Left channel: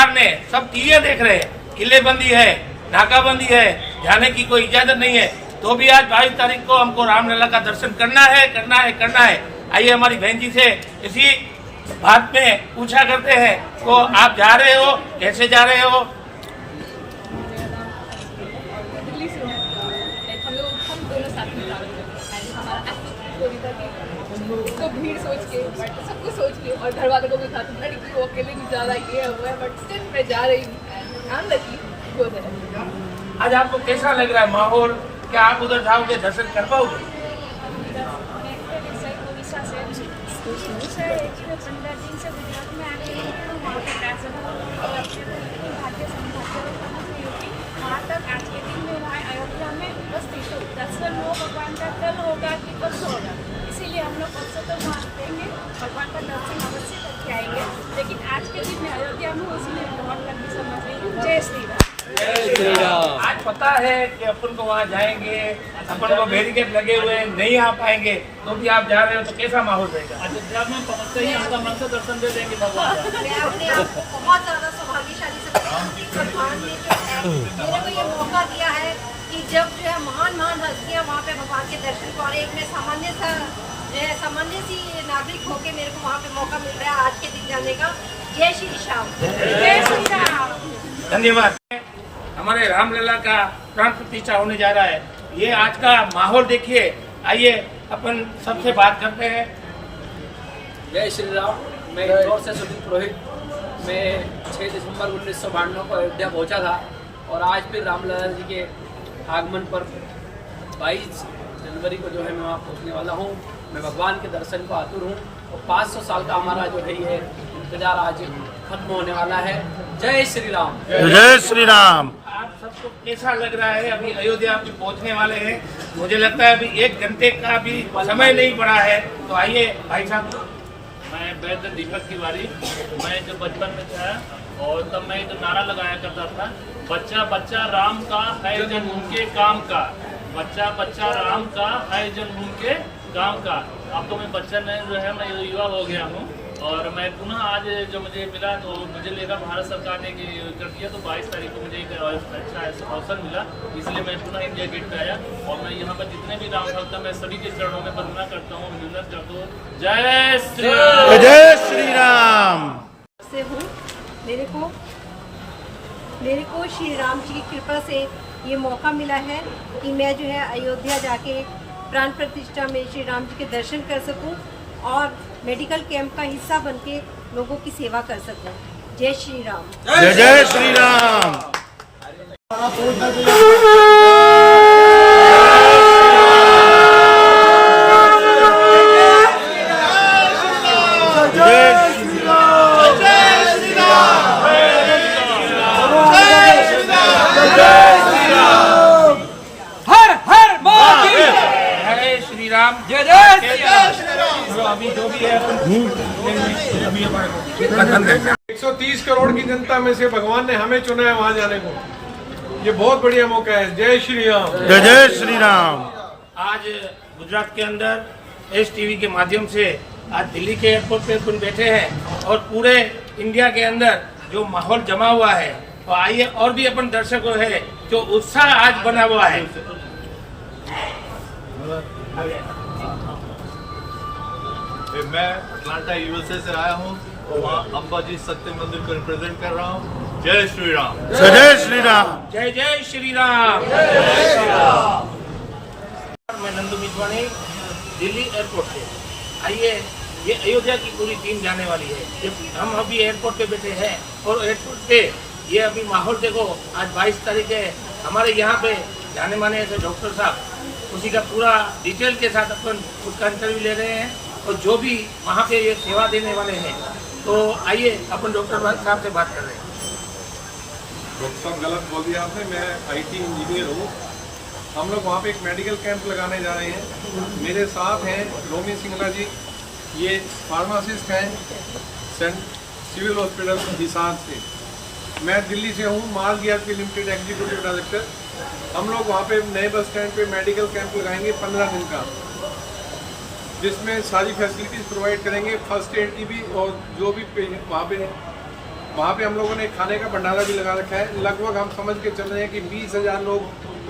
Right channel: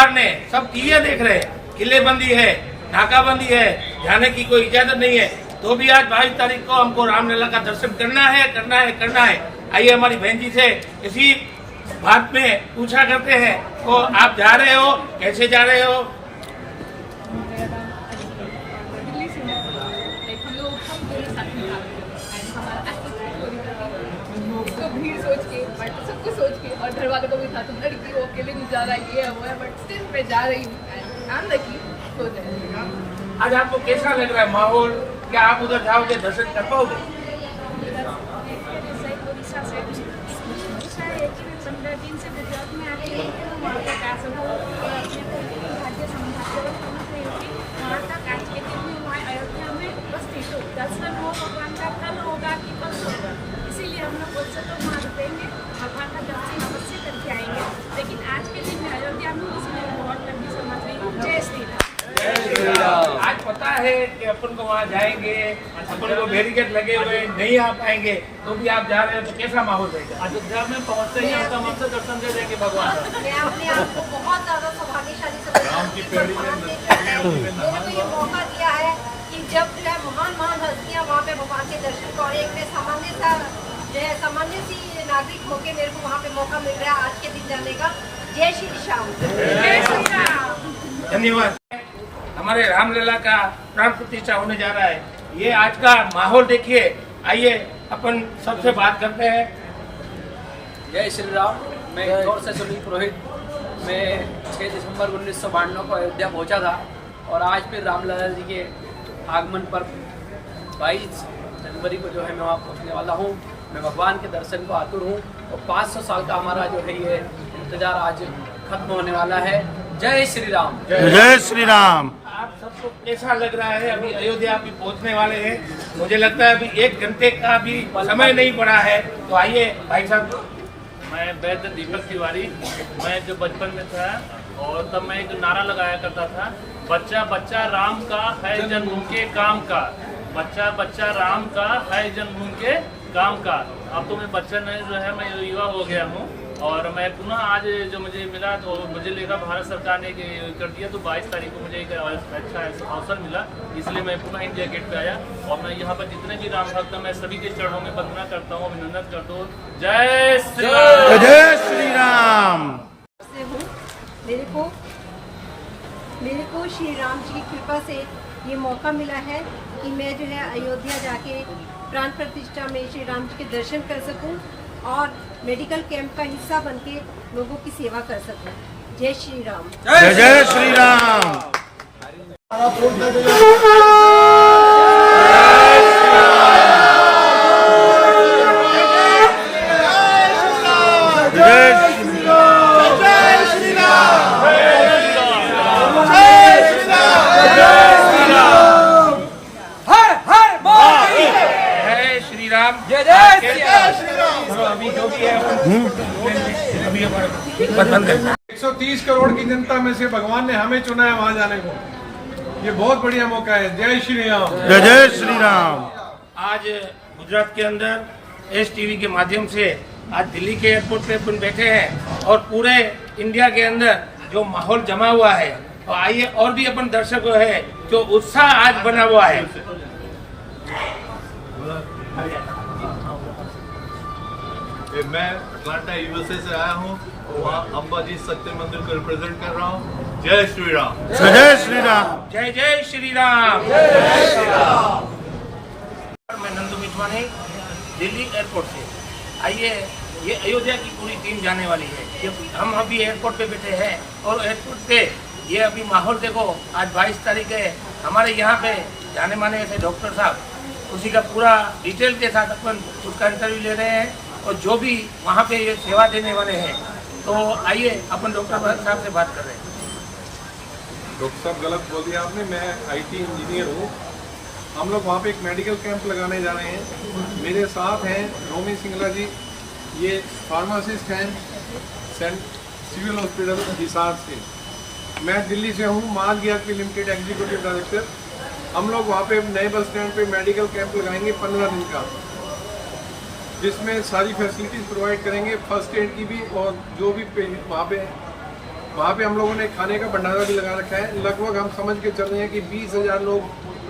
सरकार ने सब चीजें देख रहे हैं, किलेबंदी है, नाकाबंदी है, जाने की कोई इजाजत नहीं है, तो भी आज 22 तारीख को हमको रामलला का दर्शन करना है। आइए हमारी बहन जी से इसी बात में पूछा करते हैं, तो आप जा रहे हो, कैसे जा रहे हो? दिल्ली से हम दोनों साथ में हमारा तो भीड़ सोच के बट सब कुछ सोच के और घर वालों को भी था तुम लड़की वो अकेले नहीं जा रहा ये हुआ है बट सिर्फ मैं जा रही हूँ ध्यान रखी। आज आपको कैसा लग रहा है माहौल? क्या आप उधर जाओगे, दर्शन कर पाओगे? उड़ीसा है कि मैं 15 दिन से गुजरात में आती हूँ कि मैं वहाँ तक आ सकूँ और अपने को इतनी भाग्य समझ रही हूँ कि वहाँ तक आज के दिन में वहाँ अयोध्या में उपस्थित हूँ। दर्शन हो भगवान का कल होगा कि परसों होगा, इसीलिए हम लोग परसों तो वहाँ रुकेंगे, भगवान का दर्शन अवश्य करके आएंगे, लेकिन आज के दिन में अयोध्या में उसमें बहुत लंबी समझ रही हूँ। जय श्री राम। आज पता है कि अपन को वहाँ जाएंगे, अपन को बैरिकेड लगे हुए नहीं आ पाएंगे, तो भी आप जा रहे हो, तो कैसा माहौल रहेगा? अयोध्या में पहुँचते ही आपका मन से दर्शन दे देंगे भगवान। मैं अपने आप को बहुत ज्यादा सौभाग्यशाली समझती हूँ। भगवान ने जो है मेरे को ये मौका दिया है कि जब जो है महान हस्तियाँ वहाँ पे भगवान के दर्शन को, और एक में सामान्य सी नागरिक होके मेरे को वहाँ पे मौका मिल रहा है आज के दिन जाने का। जय श्री श्याम। जय श्री राम। धन्यवाद। हमारे रामलला का प्राण प्रतिष्ठा होने जा रहा है, ये आज का माहौल देखिए। आइए अपन सबसे बात करते हैं। जय श्री राम। मैं इंदौर से सुनील पुरोहित। मैं 6 दिसंबर 1992 को अयोध्या पहुंचा था और आज फिर रामलला जी के आगमन पर 22 जनवरी को जो है मैं वहाँ पहुँचने वाला हूँ। मैं भगवान के दर्शन को आतुर हूँ और 500 साल का हमारा जो है ये इंतजार आज खत्म होने वाला है। जय श्री राम। जय श्री राम। आप सबको कैसा लग रहा है? अभी अयोध्या अभी पहुंचने वाले हैं, मुझे लगता है अभी 1 घंटे का भी समय नहीं पड़ा है, तो आइए भाई साहब। मैं वैद्य दीपक तिवारी। मैं जब बचपन में था और तब मैं एक नारा लगाया करता था, बच्चा बच्चा राम का है जन्मभूमि के काम का, बच्चा बच्चा राम का है जन्मभूमि के काम का। अब तो मैं बच्चा नहीं जो है, मैं युवा हो गया हूँ और मैं पुनः आज जो मुझे मिला तो मुझे लेकर भारत सरकार ने कर दिया, तो 22 तारीख को मुझे एक अच्छा अवसर मिला, इसलिए मैं पुनः इंडिया गेट पे आया और मैं यहाँ पर जितने भी राम भक्त हैं मैं सभी के चरणों में वंदना करता हूँ, अभिनंदन करता हूँ। जय श्री राम। जय श्री राम। से हूँ, मेरे को श्री राम जी की कृपा से ये मौका मिला है कि मैं जो है अयोध्या जाके प्राण प्रतिष्ठा में श्री राम जी के दर्शन कर सकूं और मेडिकल कैंप का हिस्सा बनके लोगों की सेवा कर सकूं। जय श्री राम। जय जय श्री राम। जय श्री राम। हर हर बोल जय श्री राम। जय श्री राम। चलो अभी जो भी है अभी हमारे 130 करोड़ की जनता में से भगवान ने हमें चुना है वहाँ जाने को। ये बहुत बढ़िया मौका है। जय श्री राम। जय जय श्री राम। आज गुजरात के अंदर STV के माध्यम से आज दिल्ली के एयरपोर्ट पे अपन बैठे हैं और पूरे इंडिया के अंदर जो माहौल जमा हुआ है, तो आइए और भी अपन दर्शकों है जो उत्साह आज बना हुआ है। मैं अटलांटा USA से आया हूँ, वहाँ अंबाजी सत्य मंदिर को रिप्रेजेंट कर रहा हूँ। जय श्री राम। जय जय श्री राम। जय जय श्री राम। जय श्री राम। मैं नंदू मिजवानी दिल्ली एयरपोर्ट से। आइए, ये अयोध्या की पूरी टीम जाने वाली है। ये हम अभी एयरपोर्ट पे बैठे हैं और एयरपोर्ट पे ये अभी माहौल देखो। आज 22 तारीख है, हमारे यहाँ पे जाने माने ऐसे डॉक्टर साहब उसी का पूरा डिटेल के साथ अपन उसका इंटरव्यू ले रहे हैं और जो भी वहाँ पे ये सेवा देने वाले हैं, तो आइए अपन डॉक्टर साहब से बात कर रहे हैं। डॉक्टर साहब गलत बोल दिया आपने, मैं IT इंजीनियर हूँ। हम लोग वहाँ पे एक मेडिकल कैंप लगाने जा रहे हैं। मेरे साथ हैं रोमी सिंगला जी, ये फार्मासिस्ट हैं सिविल हॉस्पिटल हिसार से। मैं दिल्ली से हूँ, माल GRP लिमिटेड एग्जीक्यूटिव डायरेक्टर। हम लोग वहाँ पे नए बस स्टैंड पे मेडिकल कैंप लगाएंगे 15 दिन का, जिसमें सारी फैसिलिटीज़ प्रोवाइड करेंगे, फर्स्ट एड की भी, और जो भी वहाँ पे वहाँ पे हम लोगों ने खाने का भंडारा भी लगा रखा है। लगभग हम समझ के चल रहे हैं कि 20,000 लोग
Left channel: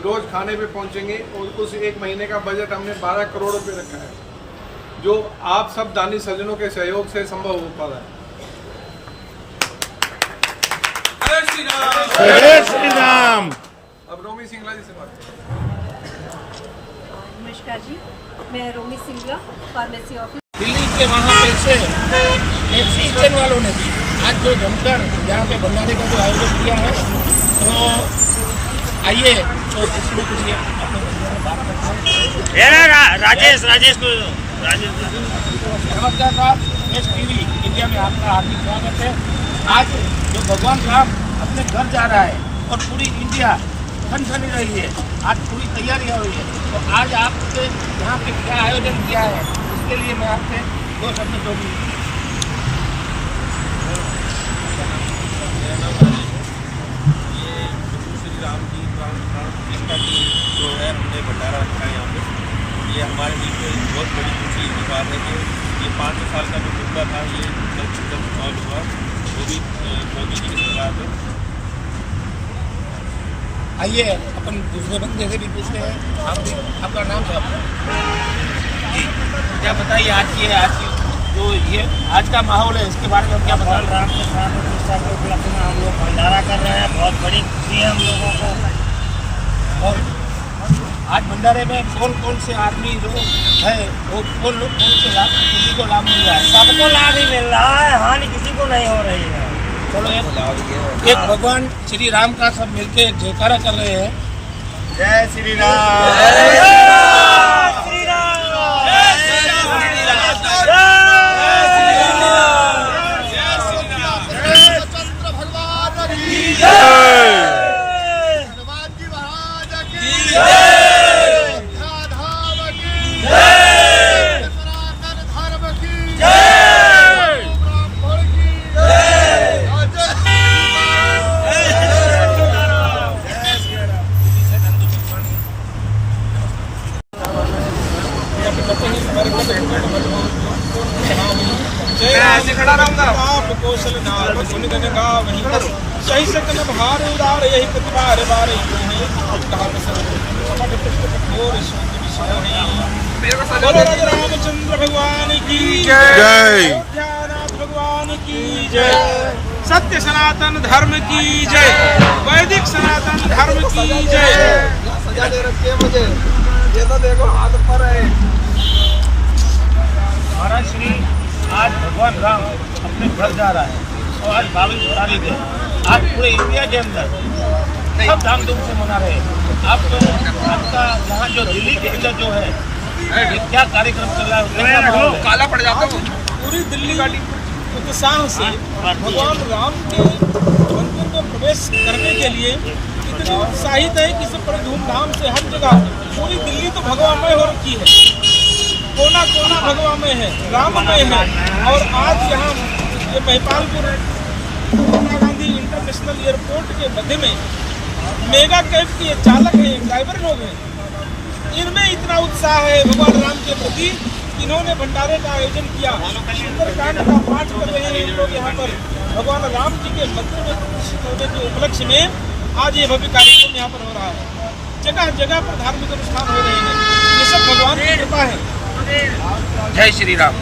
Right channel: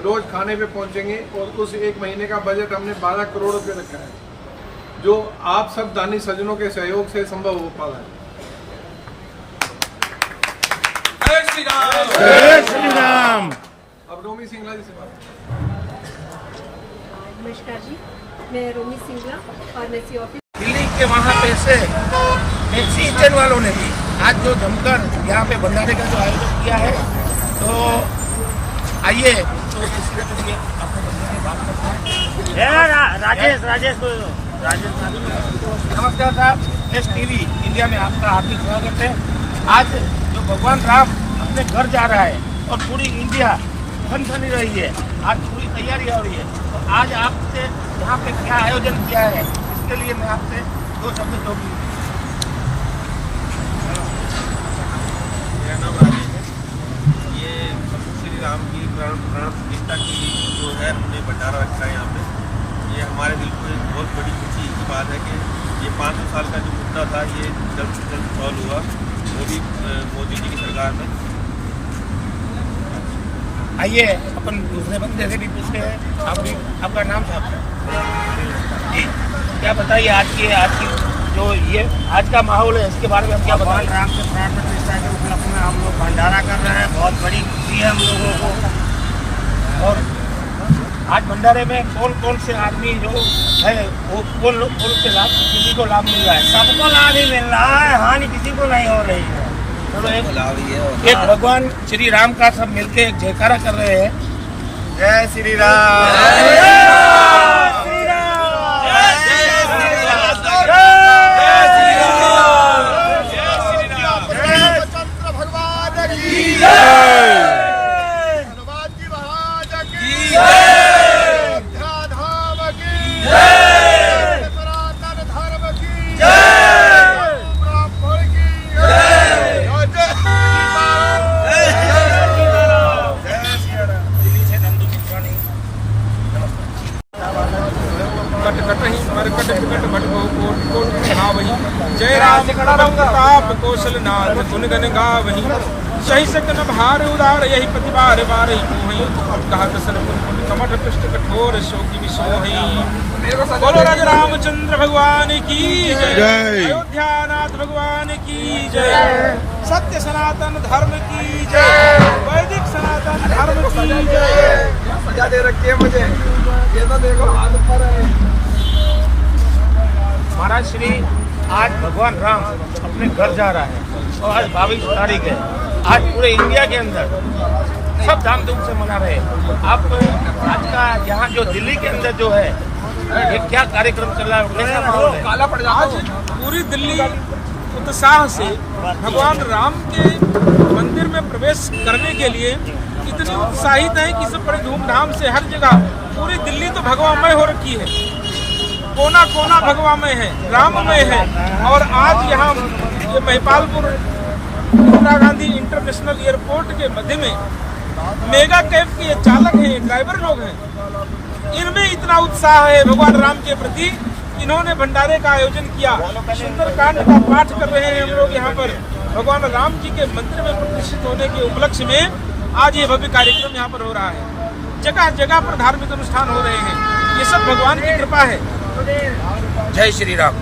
रोज खाने पे पहुँचेंगे और उस एक महीने का बजट हमने 12 करोड़ रुपये रखा है, जो आप सब दानी सज्जनों के सहयोग से संभव हो पा रहा है। जय श्री राम। जय श्री राम। अब रोमी सिंगला जी से बात करें। नमस्कार जी, मैं रोमी सिंगला, फार्मेसी ऑफिस। दिल्ली के वहाँ पे से टैक्सी स्टैंड वालों ने भी आज जो जमकर यहाँ पे भंडारे का जो आयोजन किया है, तो आइए तो किसी न किसी अपने बंदे में बात करते हैं। राजेश नमस्कार साहब, एस टीवी इंडिया में आपका हार्दिक स्वागत है। आज जो भगवान राम अपने घर जा रहा है और पूरी इंडिया खनखनी रही है, आज पूरी तैयारियां हुई है, तो आज आपसे यहाँ पे क्या आयोजन किया है उसके लिए मैं आपसे 2 शब्द कहूँगी। मेरा नाम राजेश है। ये प्रभु श्री राम की प्राण प्रतिष्ठा की जो है हमने भंडारा रखा है यहाँ पे। ये हमारे दिल को एक बहुत बड़ी खुशी की बात है कि ये 500 साल का जो मुद्दा था ये जल्द से जल्द सॉल्व हुआ, वो भी मोदी जी की सरकार में। आइए अपन दूसरे बंदे से भी पूछते हैं। आप भी, आपका नाम साहब जी, क्या बताइए आज की जो ये आज का माहौल है इसके बारे में क्या बताइए। राम के प्राण प्रतिष्ठा के उपलक्ष्य में हम लोग भंडारा कर रहे हैं, बहुत बड़ी खुशी है हम लोगों को। और आज भंडारे में कौन कौन से आदमी जो है वो कौन से लाभ, किसी को लाभ मिल रहा है? सबको लाभ ही मिल रहा है, हानि किसी को नहीं हो रही है। चलो एक भगवान श्री राम का सब मिलके एक जयकारा कर रहे हैं। जय श्री राम। जय राम प्रबल प्रताप कौशलनाथ गुण गण गावहीं, सही सकन भार उदार यही प्रतिबार बार कमठ पृष्ठ कठोर शोक विसोहि। बोलो राजा रामचंद्र भगवान की जय, अयोध्यानाथ भगवान की जय, सत्य सनातन धर्म की जय, वैदिक सनातन धर्म की जय। सजा दे रखिए मुझे, ये तो देखो हाथ पर है। महाराज श्री आज भगवान राम अपने घर जा रहा है और आज 22 तारीख है। आज पूरे इंडिया के अंदर सब धामधूम से मना रहे हैं। आप आज का यहाँ जो दिल्ली के अंदर जो है ये क्या कार्यक्रम चल रहा है, कैसा माहौल है? आज पूरी दिल्ली उत्साह से भगवान राम के मंदिर में प्रवेश करने के लिए इतनी उत्साहित है कि सब बड़े धूमधाम से हर जगह पूरी दिल्ली तो भगवामय हो रखी है, कोना कोना भगवामय है, राममय है। और आज यहाँ ये महिपालपुर इंदिरा गांधी इंटरनेशनल एयरपोर्ट के मध्य में मेगा कैब के चालक हैं, ड्राइवर लोग हैं, इनमें इतना उत्साह है भगवान राम के प्रति, इन्होंने भंडारे का आयोजन किया। सुंदरकांड का पाठ कर रहे हैं हम लोग यहाँ पर भगवान राम जी के मंदिर में प्रतिष्ठित होने के उपलक्ष्य में। आज ये भव्य कार्यक्रम यहाँ पर हो रहा है, जगह जगह पर धार्मिक अनुष्ठान हो रहे हैं, ये सब भगवान की कृपा है। जय श्री राम।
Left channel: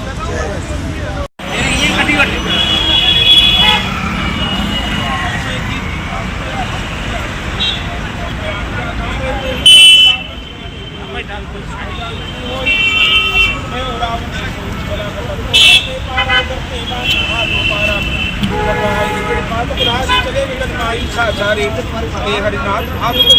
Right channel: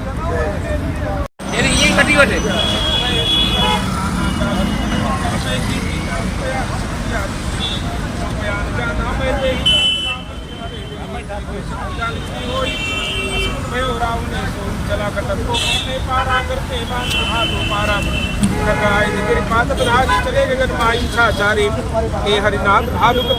ये कटिवट है। चले गगन माई साचारे हरिनाथ भालु बहुत